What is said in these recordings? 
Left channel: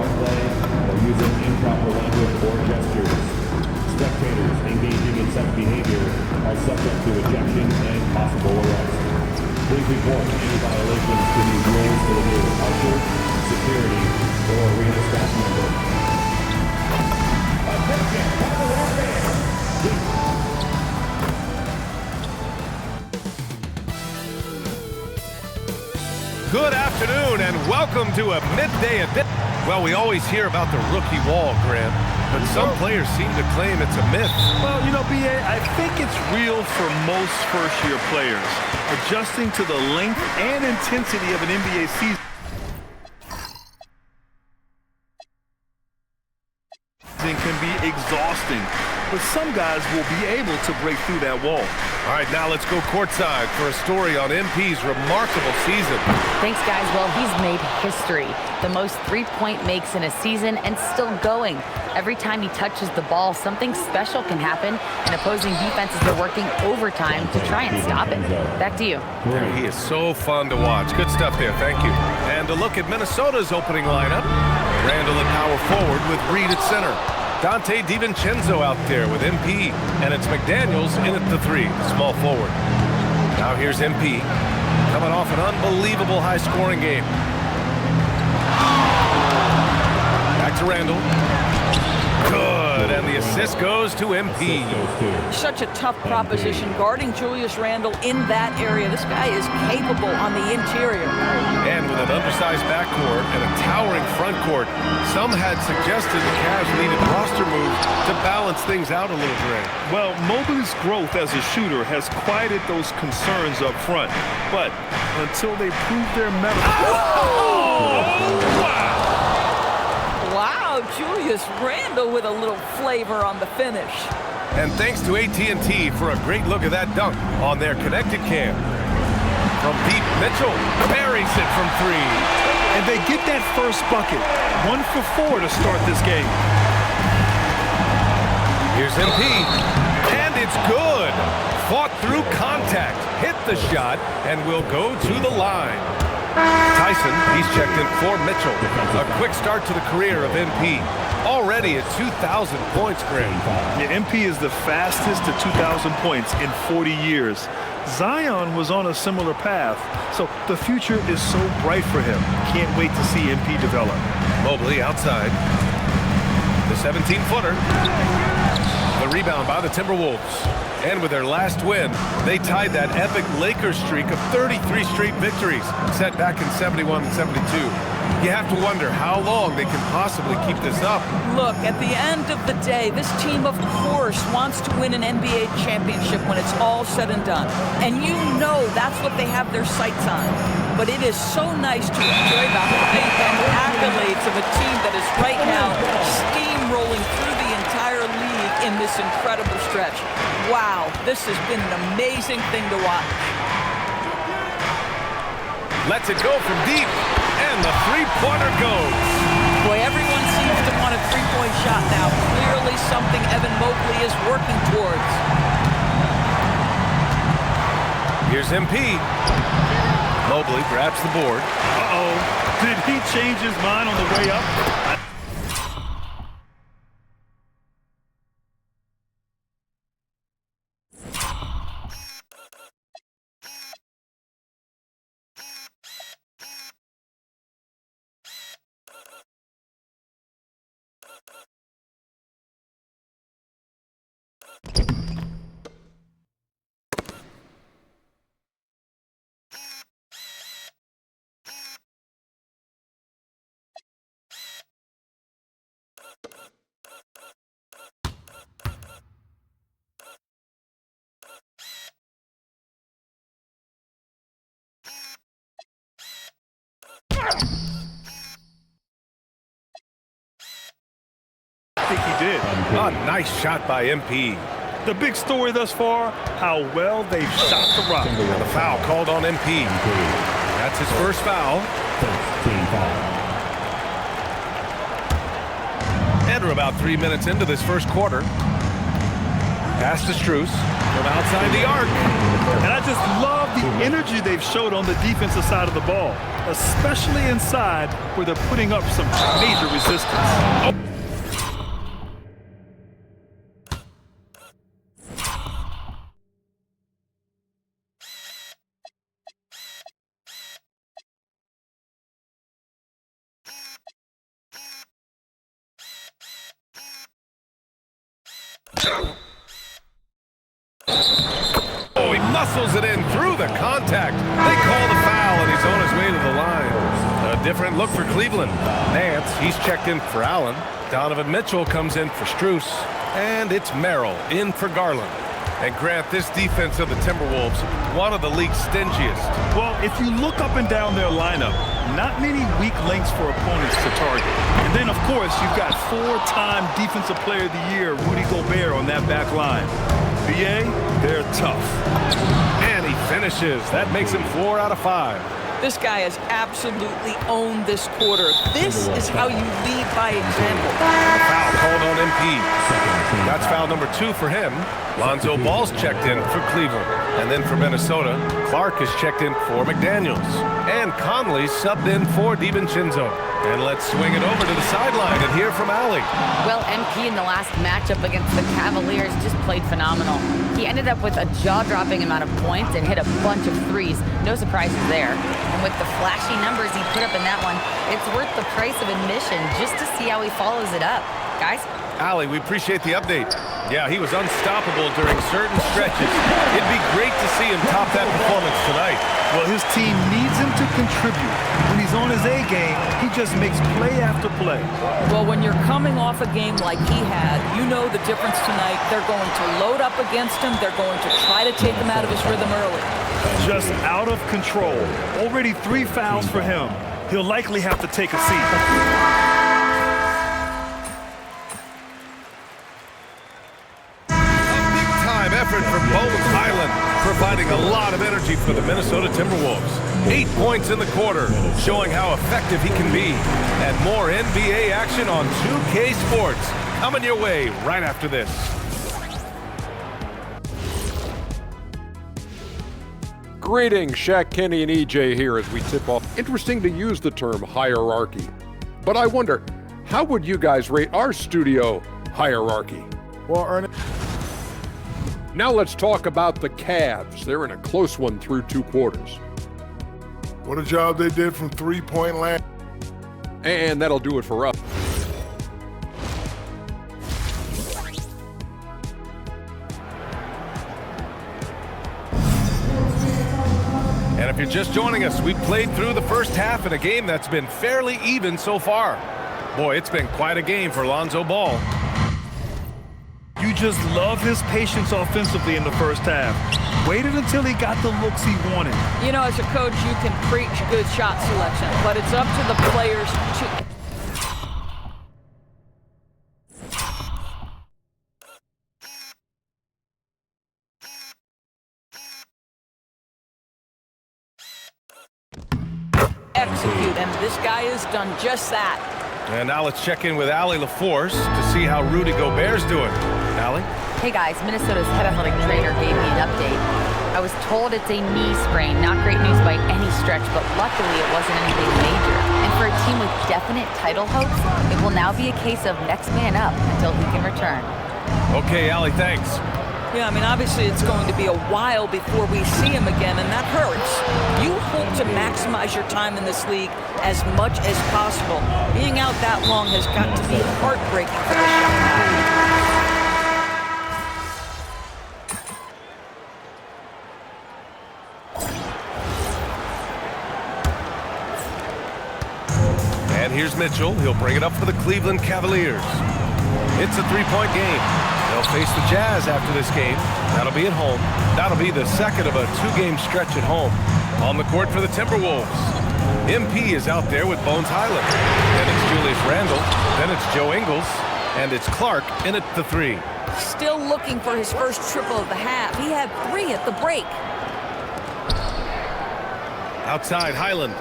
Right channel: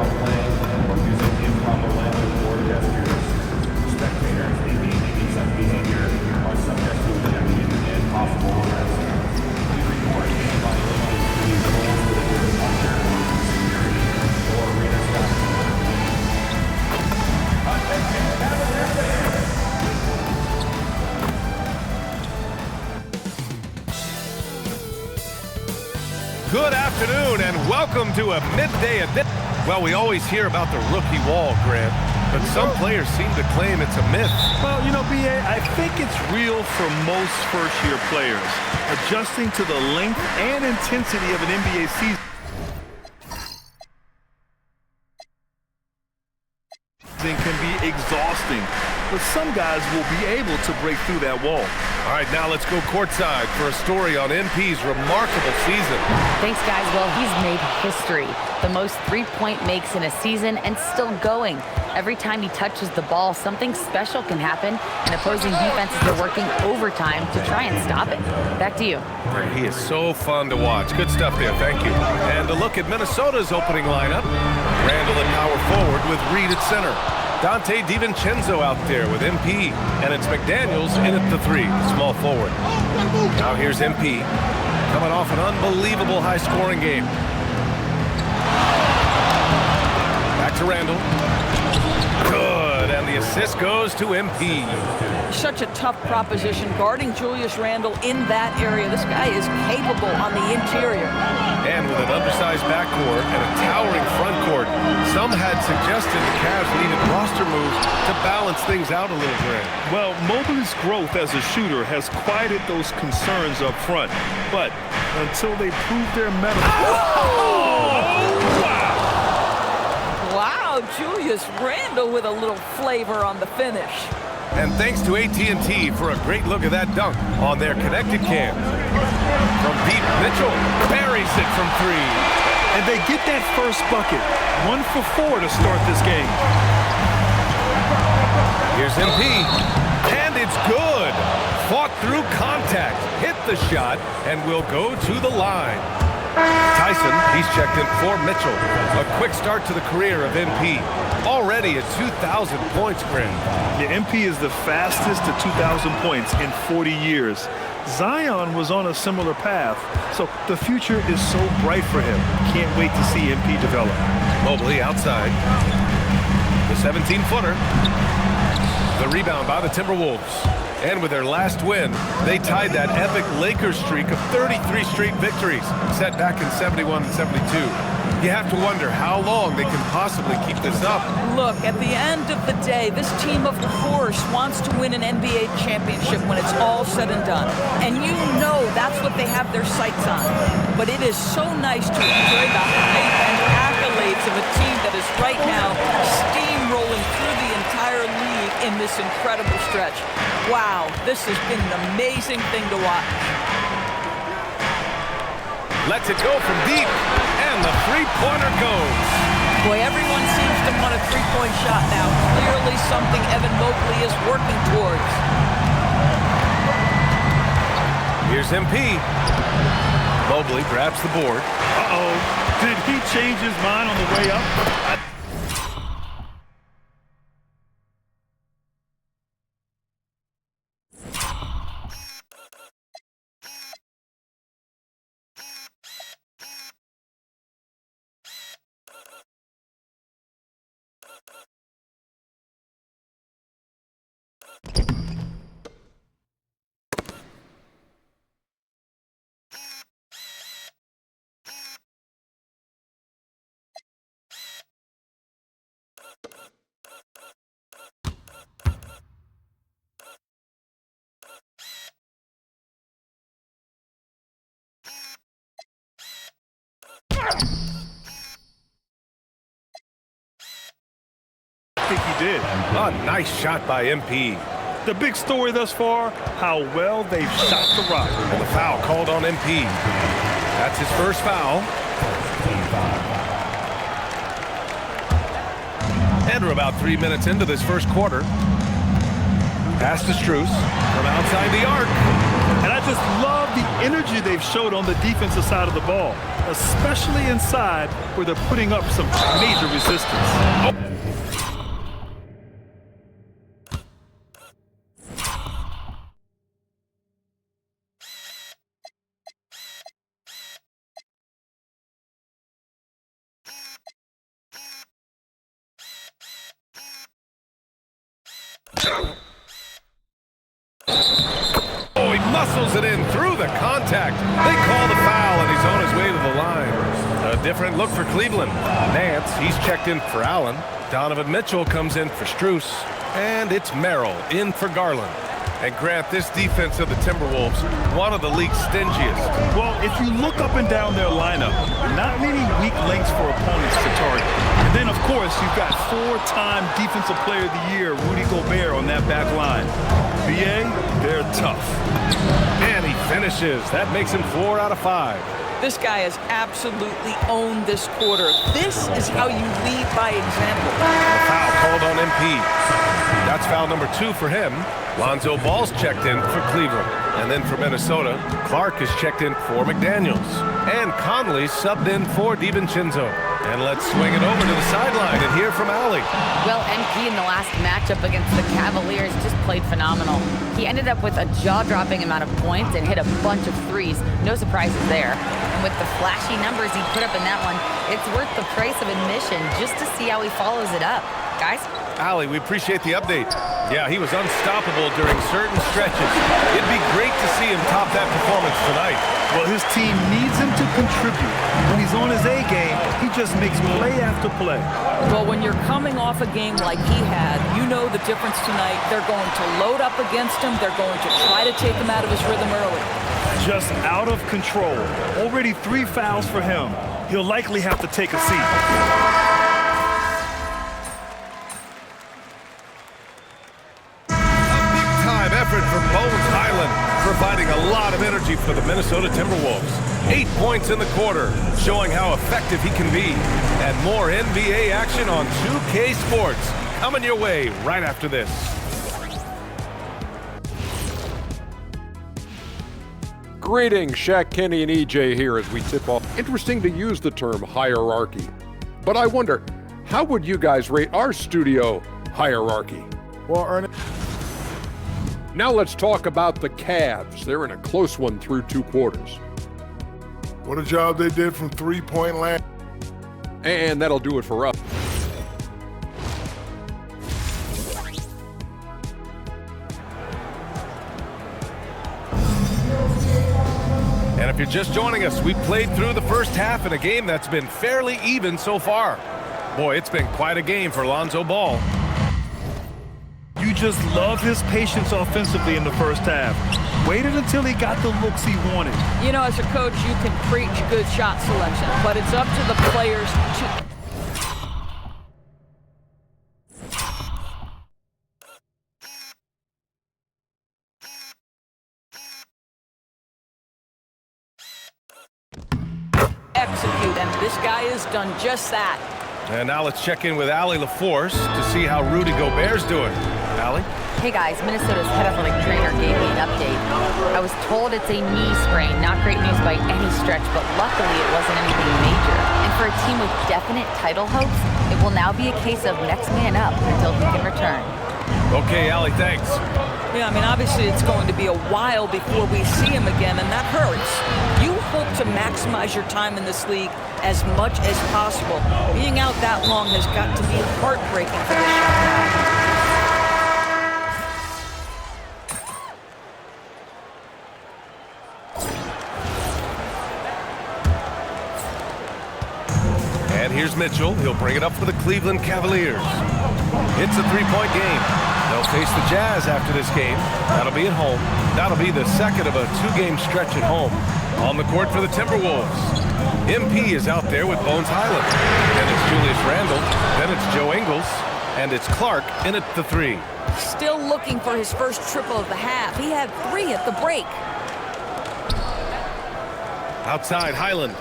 rough play or using improper language or gestures. Spectators engaging in such behavior are subject to ejection and possible arrest. Please report any violations to these rules to the nearest usher, security, or arena staff member. Attention, Cavalier fans! Good afternoon and welcome to a midday edition. Well, we always hear about the rookie wall, Grant, but some players seem to claim it's a myth. Well, you know, B.A., I think it's real for most first-year players. Adjusting to the length and intensity of an NBA season can be exhausting, but some guys will be able to break through that wall. All right, now let's go courtside for a story on MP's remarkable season. Thanks, guys. Well, he's made history. The most three-point makes in a season and still going. Every time he touches the ball, something special can happen, and opposing defenses are working overtime to try and stop it. Back to you. Yeah, he is so fun to watch. Good stuff there. Thank you. And a look at Minnesota's opening lineup. Randall at power forward with Reed at center. Dante DiVincenzo out there with MP, and it's McDaniels in at the three, the small forward. Now here's MP, coming off an unbelievable high-scoring game. Back to Randall. Good, and the assist goes to MP. Such a tough proposition guarding Julius Randle in that area. This guy is capable on the interior. And with an undersized backcourt and a towering front court, some had suggested the Cavs needed roster moves to balance things out a little, Grant. Well, Mobley's growth as a shooter has quieted those concerns up front, but until they prove their mettle. Oh, wow! Wow, Julius Randle with a little flavor on the finish. And thanks to AT&T for a great look at that dunk on their connected cam. From deep, Mitchell buries it from three. And they get that first bucket. 1 for 4 to start this game. Here's MP, and it's good. Fought through contact, hit the shot, and will go to the line. Tyson, he's checked in for Mitchell. A quick start to the career of MP. Already at 2,000 points, Grant. Yeah, MP is the fastest to 2,000 points in 40 years. Zion was on a similar path, so the future is so bright for him. Can't wait to see MP develop. Mobley outside. The 17-footer. The rebound by the Timberwolves. And with their last win, they tied that epic Lakers streak of 33 straight victories, set back in 71 and 72. You have to wonder how long they can possibly keep this up. Look, at the end of the day, this team, of course, wants to win an NBA championship when it's all said and done. And you know that's what they have their sights on. But it is so nice to enjoy the hype and accolades of a team that is right now steamrolling through the entire league in this incredible stretch. Wow, this has been an amazing thing to watch. Lets it go from deep. And the three-pointer goes. Boy, everyone seems to want a three-point shot now. Clearly something Evan Mobley is working towards. Here's MP. Mobley grabs the board. Uh-oh. Did he change his mind on the way up? I think he did. A nice shot by MP. The big story thus far, how well they've shot the rock. And the foul called on MP. That's his first foul. And we're about 3 minutes into this first quarter. Pass to Strus from outside the arc. And I just love the energy they've showed on the defensive side of the ball, especially inside where they're putting up some major resistance. Oh, he muscles it in through the contact. They call the foul, and he's on his way to the line. A different look for Cleveland. Nance, he's checked in for Allen. Donovan Mitchell comes in for Strus. And it's Merrill in for Garland. And Grant, this defense of the Timberwolves, one of the league's stingiest. Well, if you look up and down their lineup, not many weak links for opponents to target. And then, of course, you've got four-time Defensive Player of the Year, Rudy Gobert, on that back line. BA, they're tough. And he finishes. That makes him 4 out of 5. This guy has absolutely owned this quarter. This is how you lead by example. And the foul called on MP. That's foul number 2 for him. Lonzo Ball's checked in for Cleveland. And then for Minnesota, Clark is checked in for McDaniels. And Conley's subbed in for DiVincenzo. And let's swing it over to the sideline and hear from Allie. Well, MP in the last matchup against the Cavaliers just played phenomenal. He ended up with a jaw-dropping amount of points and hit a bunch of threes. No surprises there. And with the flashy numbers he put up in that one, it's worth the price of admission just to see how he follows it up. Guys? Allie, we appreciate the update. Yeah, he was unstoppable during certain stretches. It'd be great to see him top that performance tonight. Well, his team needs him to contribute. When he's on his A game, he just makes play after play. Well, when you're coming off a game like he had, you know the difference tonight. They're going to load up against him. They're going to try to take him out of his rhythm early. Just out of control. Already 3 fouls for him. He'll likely have to take a seat. Effort for Bones Highland, providing a lot of energy for the Minnesota Timberwolves. 8 points in the quarter, showing how effective he can be. And more NBA action on 2K Sports coming your way right after this. Greetings, Shaq Kenny and EJ here as we tip off. Interesting to use the term hierarchy. But I wonder, how would you guys rate our studio hierarchy? Well, Ernest. Now let's talk about the Cavs. They're in a close one through 2 quarters. What a job they did from three-point land. And that'll do it for us. And if you're just joining us, we played through the first half in a game that's been fairly even so far. Boy, it's been quite a game for Lonzo Ball. You just love his patience offensively in the first half. Waited until he got the looks he wanted. You know, as a coach, you can preach good shot selection, but it's up to the players to... execute, and this guy has done just that. And now let's check in with Allie LaForce to see how Rudy Gobert's doing. Allie? Hey guys, Minnesota's head athletic trainer gave me an update. I was told it's a knee sprain, not great news by any stretch, but luckily it wasn't anything major. And for a team with definite title hopes, it will now be a case of next man up until he can return. Okay, Allie, thanks. Yeah, I mean, obviously it's going to be a while before we see him again, and that hurts. You hope to maximize your time in this league as much as possible. Being out that long has got to be heartbreaking for this young guy. And here's Mitchell. He'll bring it up for the Cleveland Cavaliers. It's a 3-point game. They'll face the Jazz after this game. That'll be at home. That'll be the second of a 2-game stretch at home. On the court for the Timberwolves, MP is out there with Bones Highland. Then it's Julius Randle. Then it's Joe Ingles. And it's Clark in at the 3. Still looking for his first triple of the half. He had 3 at the break. Outside, Highland.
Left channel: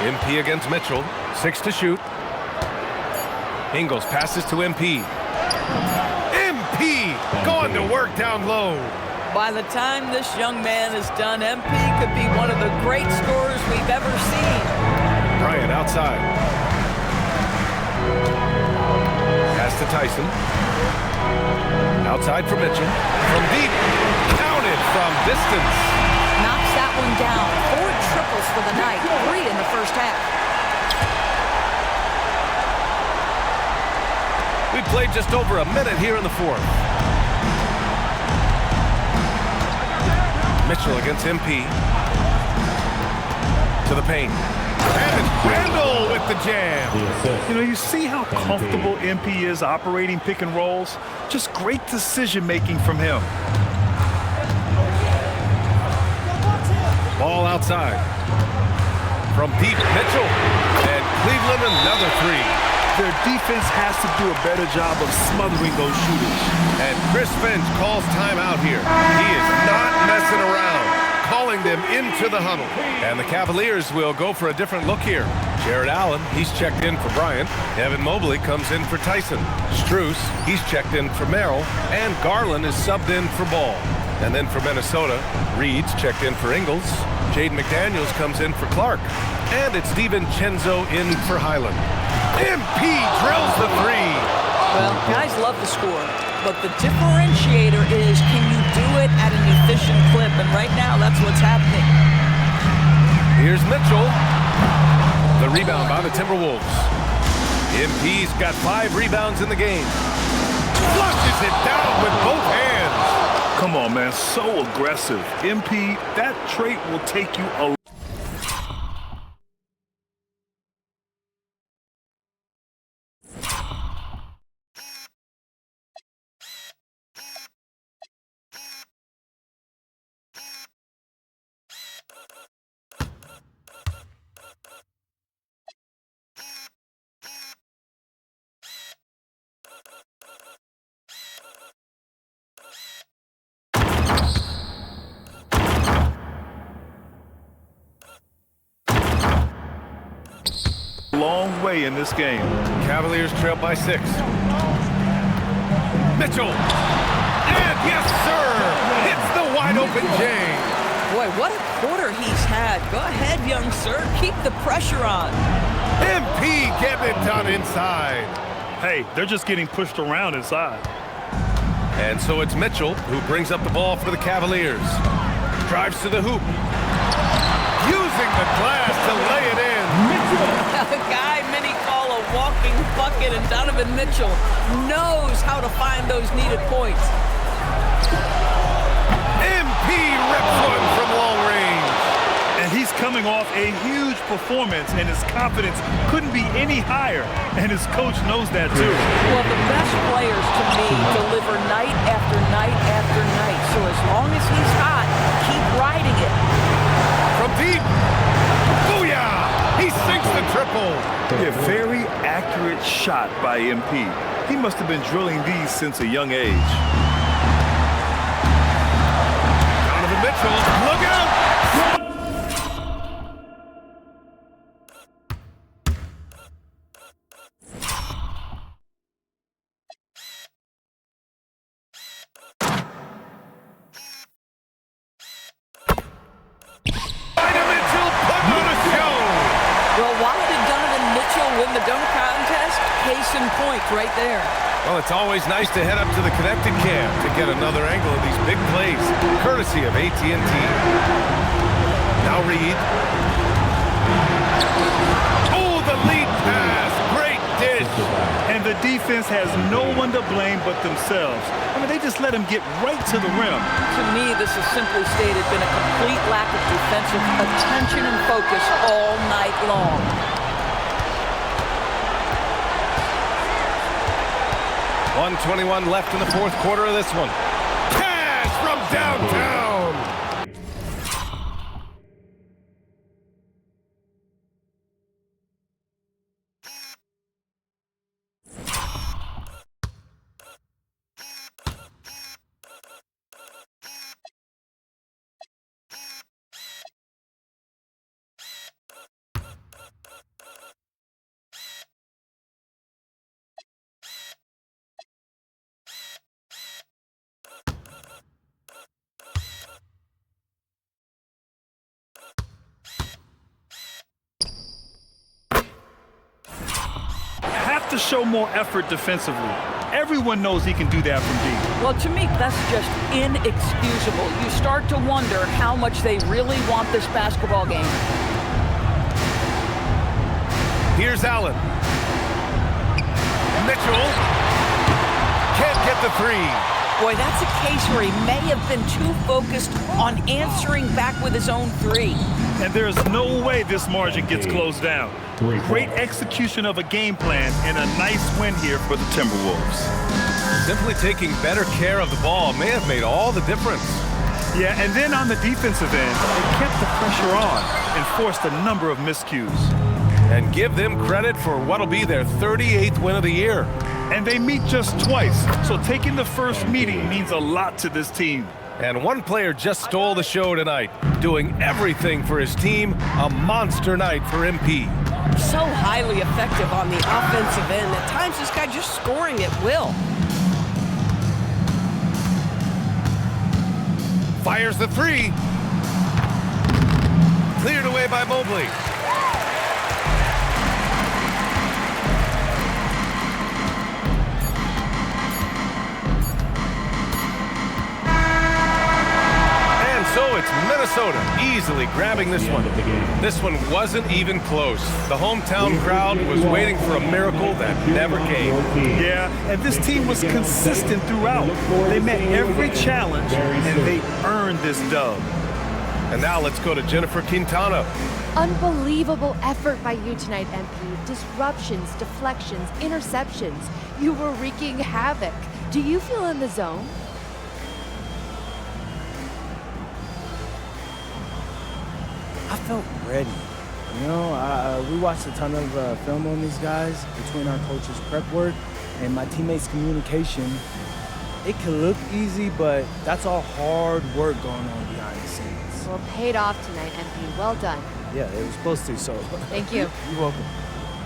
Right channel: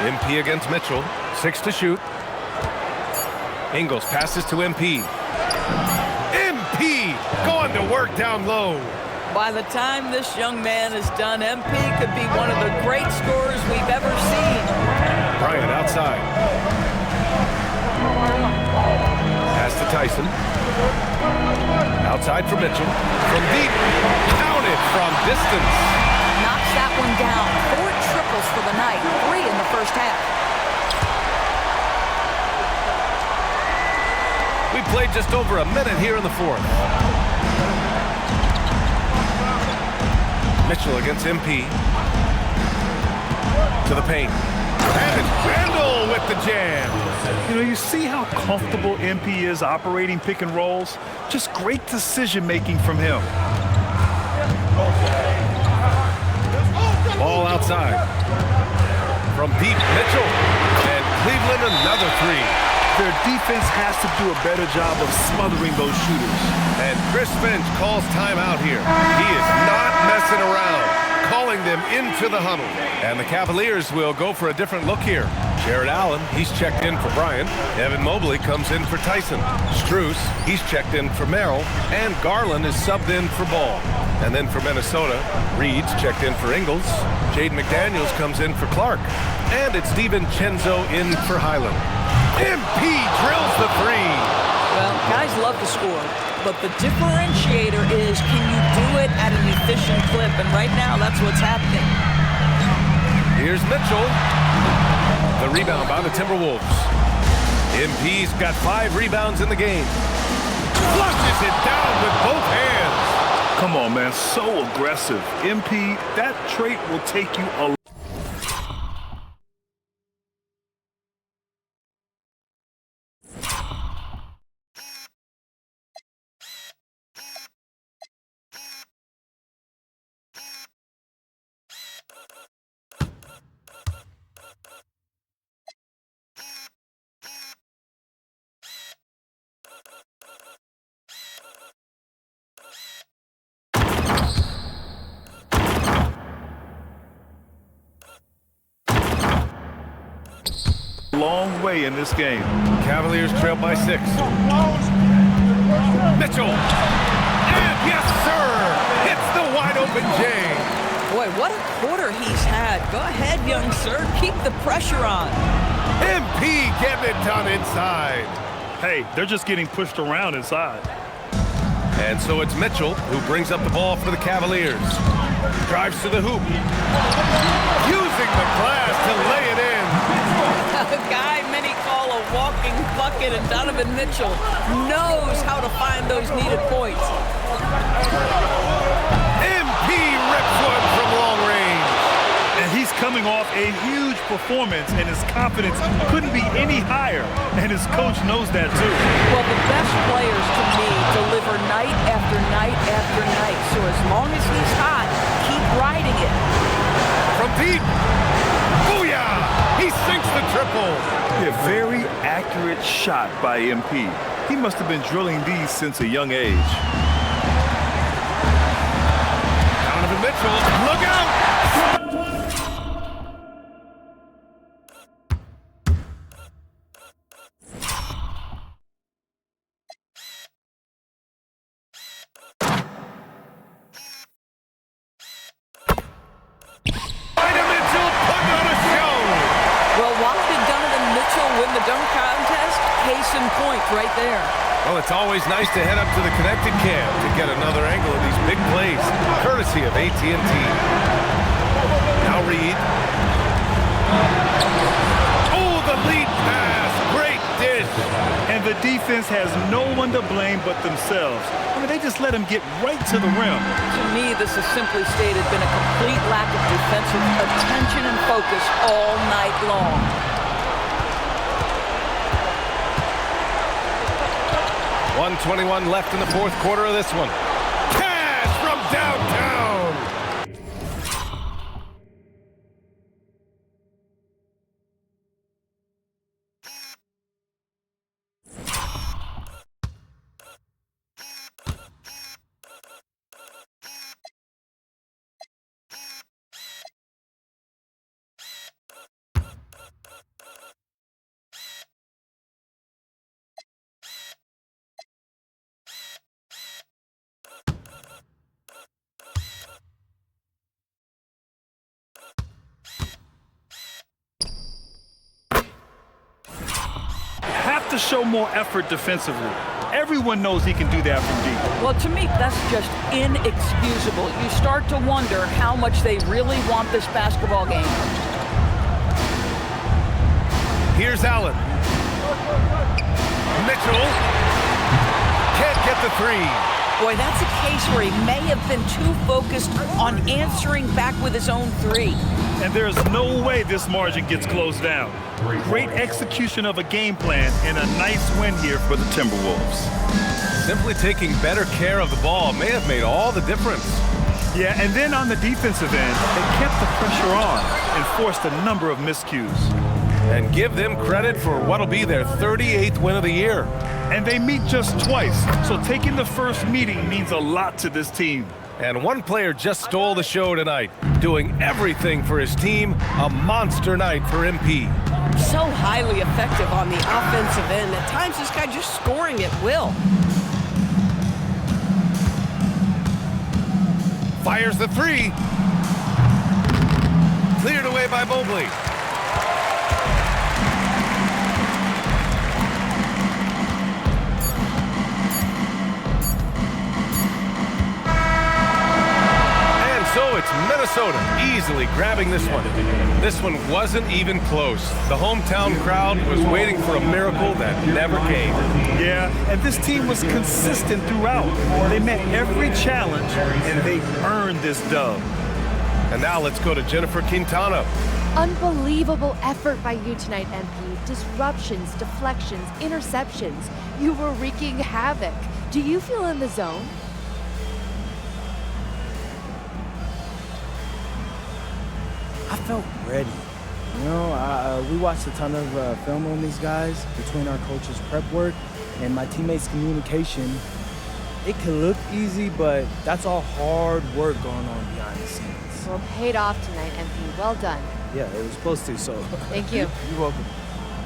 MP against Mitchell. 6 to shoot. Ingles passes to MP. MP Going to work down low. By the time this young man is done, MP could be one of the great scorers we've ever seen. Bryant outside. Pass to Tyson. Outside for Mitchell. From deep. Counted from distance. Knocks that one down. 4 triples for the night, 3 in the first half. We played just over a minute here in the fourth. Mitchell against MP. To the paint. And it's Randall with the jam. You know, you see how comfortable MP is operating pick and rolls? Just great decision-making from him. Ball outside. From deep, Mitchell. And Cleveland another 3. Their defense has to do a better job of smothering those shooters. And Chris Finch calls timeout here. He is not messing around, calling them into the huddle. And the Cavaliers will go for a different look here. Jared Allen, he's checked in for Bryant. Evan Mobley comes in for Tyson. Strus, he's checked in for Merrill. And Garland is subbed in for Ball. And then for Minnesota, Reed's checked in for Ingles. Jaden McDaniels comes in for Clark. And it's DiVincenzo in for Highland. MP drills the 3. Well, guys love to score, but the differentiator is, can you do it at an efficient clip? And right now, that's what's happening. Here's Mitchell. The rebound by the Timberwolves. MP's got 5 rebounds in the game. Flushes it down with both hands. Come on, man, so aggressive. MP, that trait will take you a long way in this game. Cavaliers trail by 6. Mitchell. And yes, sir. Hits the wide open Jay. Boy, what a quarter he's had. Go ahead, young sir. Keep the pressure on. MP getting it done inside. Hey, they're just getting pushed around inside. And so it's Mitchell who brings up the ball for the Cavaliers. Drives to the hoop. Using the glass to lay it in. A guy many call a walking bucket, and Donovan Mitchell knows how to find those needed points. MP rips one from long range. And he's coming off a huge performance, and his confidence couldn't be any higher. And his coach knows that, too. Well, the best players, to me, deliver night after night after night. So as long as he's hot, keep riding it. From deep. Booyah! He sinks the triple. A very accurate shot by MP. He must have been drilling these since a young age. Donovan Mitchell, look out! Mitchell putting on a show. Well, why did Donovan Mitchell win the dunk contest? Case in point right there. Well, it's always nice to head up to the connected cam to get another angle of these big plays, courtesy of AT&T. Now Reed. Oh, the lead pass. Great dish. And the defense has no one to blame but themselves. I mean, they just let him get right to the rim. To me, this has simply stated been a complete lack of defensive attention and focus all night long. .121 left in the fourth quarter of this one. Cash from downtown. to show more effort defensively. Everyone knows he can do that from deep. Well, to me, that's just inexcusable. You start to wonder how much they really want this basketball game. Here's Allen. Mitchell can't get the three. Boy, that's a case where he may have been too focused on answering back with his own three. And there's no way this margin gets closed down. Great execution of a game plan and a nice win here for the Timberwolves. Simply taking better care of the ball may have made all the difference. Yeah, and then on the defensive end, they kept the pressure on and forced a number of miscues. And give them credit for what'll be their 38th win of the year. And they meet just twice, so taking the first meeting means a lot to this team. And one player just stole the show tonight, doing everything for his team. A monster night for MP. So highly effective on the offensive end. At times, this guy just scoring at will. Fires the three. Cleared away by Mobley. So it's Minnesota easily grabbing this one. This one wasn't even close. The hometown crowd was waiting for a miracle that never came. Yeah, and this team was consistent throughout. They met every challenge, and they earned this dub. And now let's go to Jennifer Quintana. Unbelievable effort by you tonight, MP. Disruptions, deflections, interceptions. You were wreaking havoc. Do you feel in the zone? I felt ready. You know, we watched a ton of film on these guys between our coaches' prep work and my teammates' communication. It could look easy, but that's all hard work going on behind the scenes. Well, paid off tonight, MP. Well done. Yeah, it was supposed to, so. Thank you. You're welcome.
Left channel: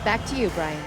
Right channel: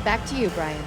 Back to you, Brian.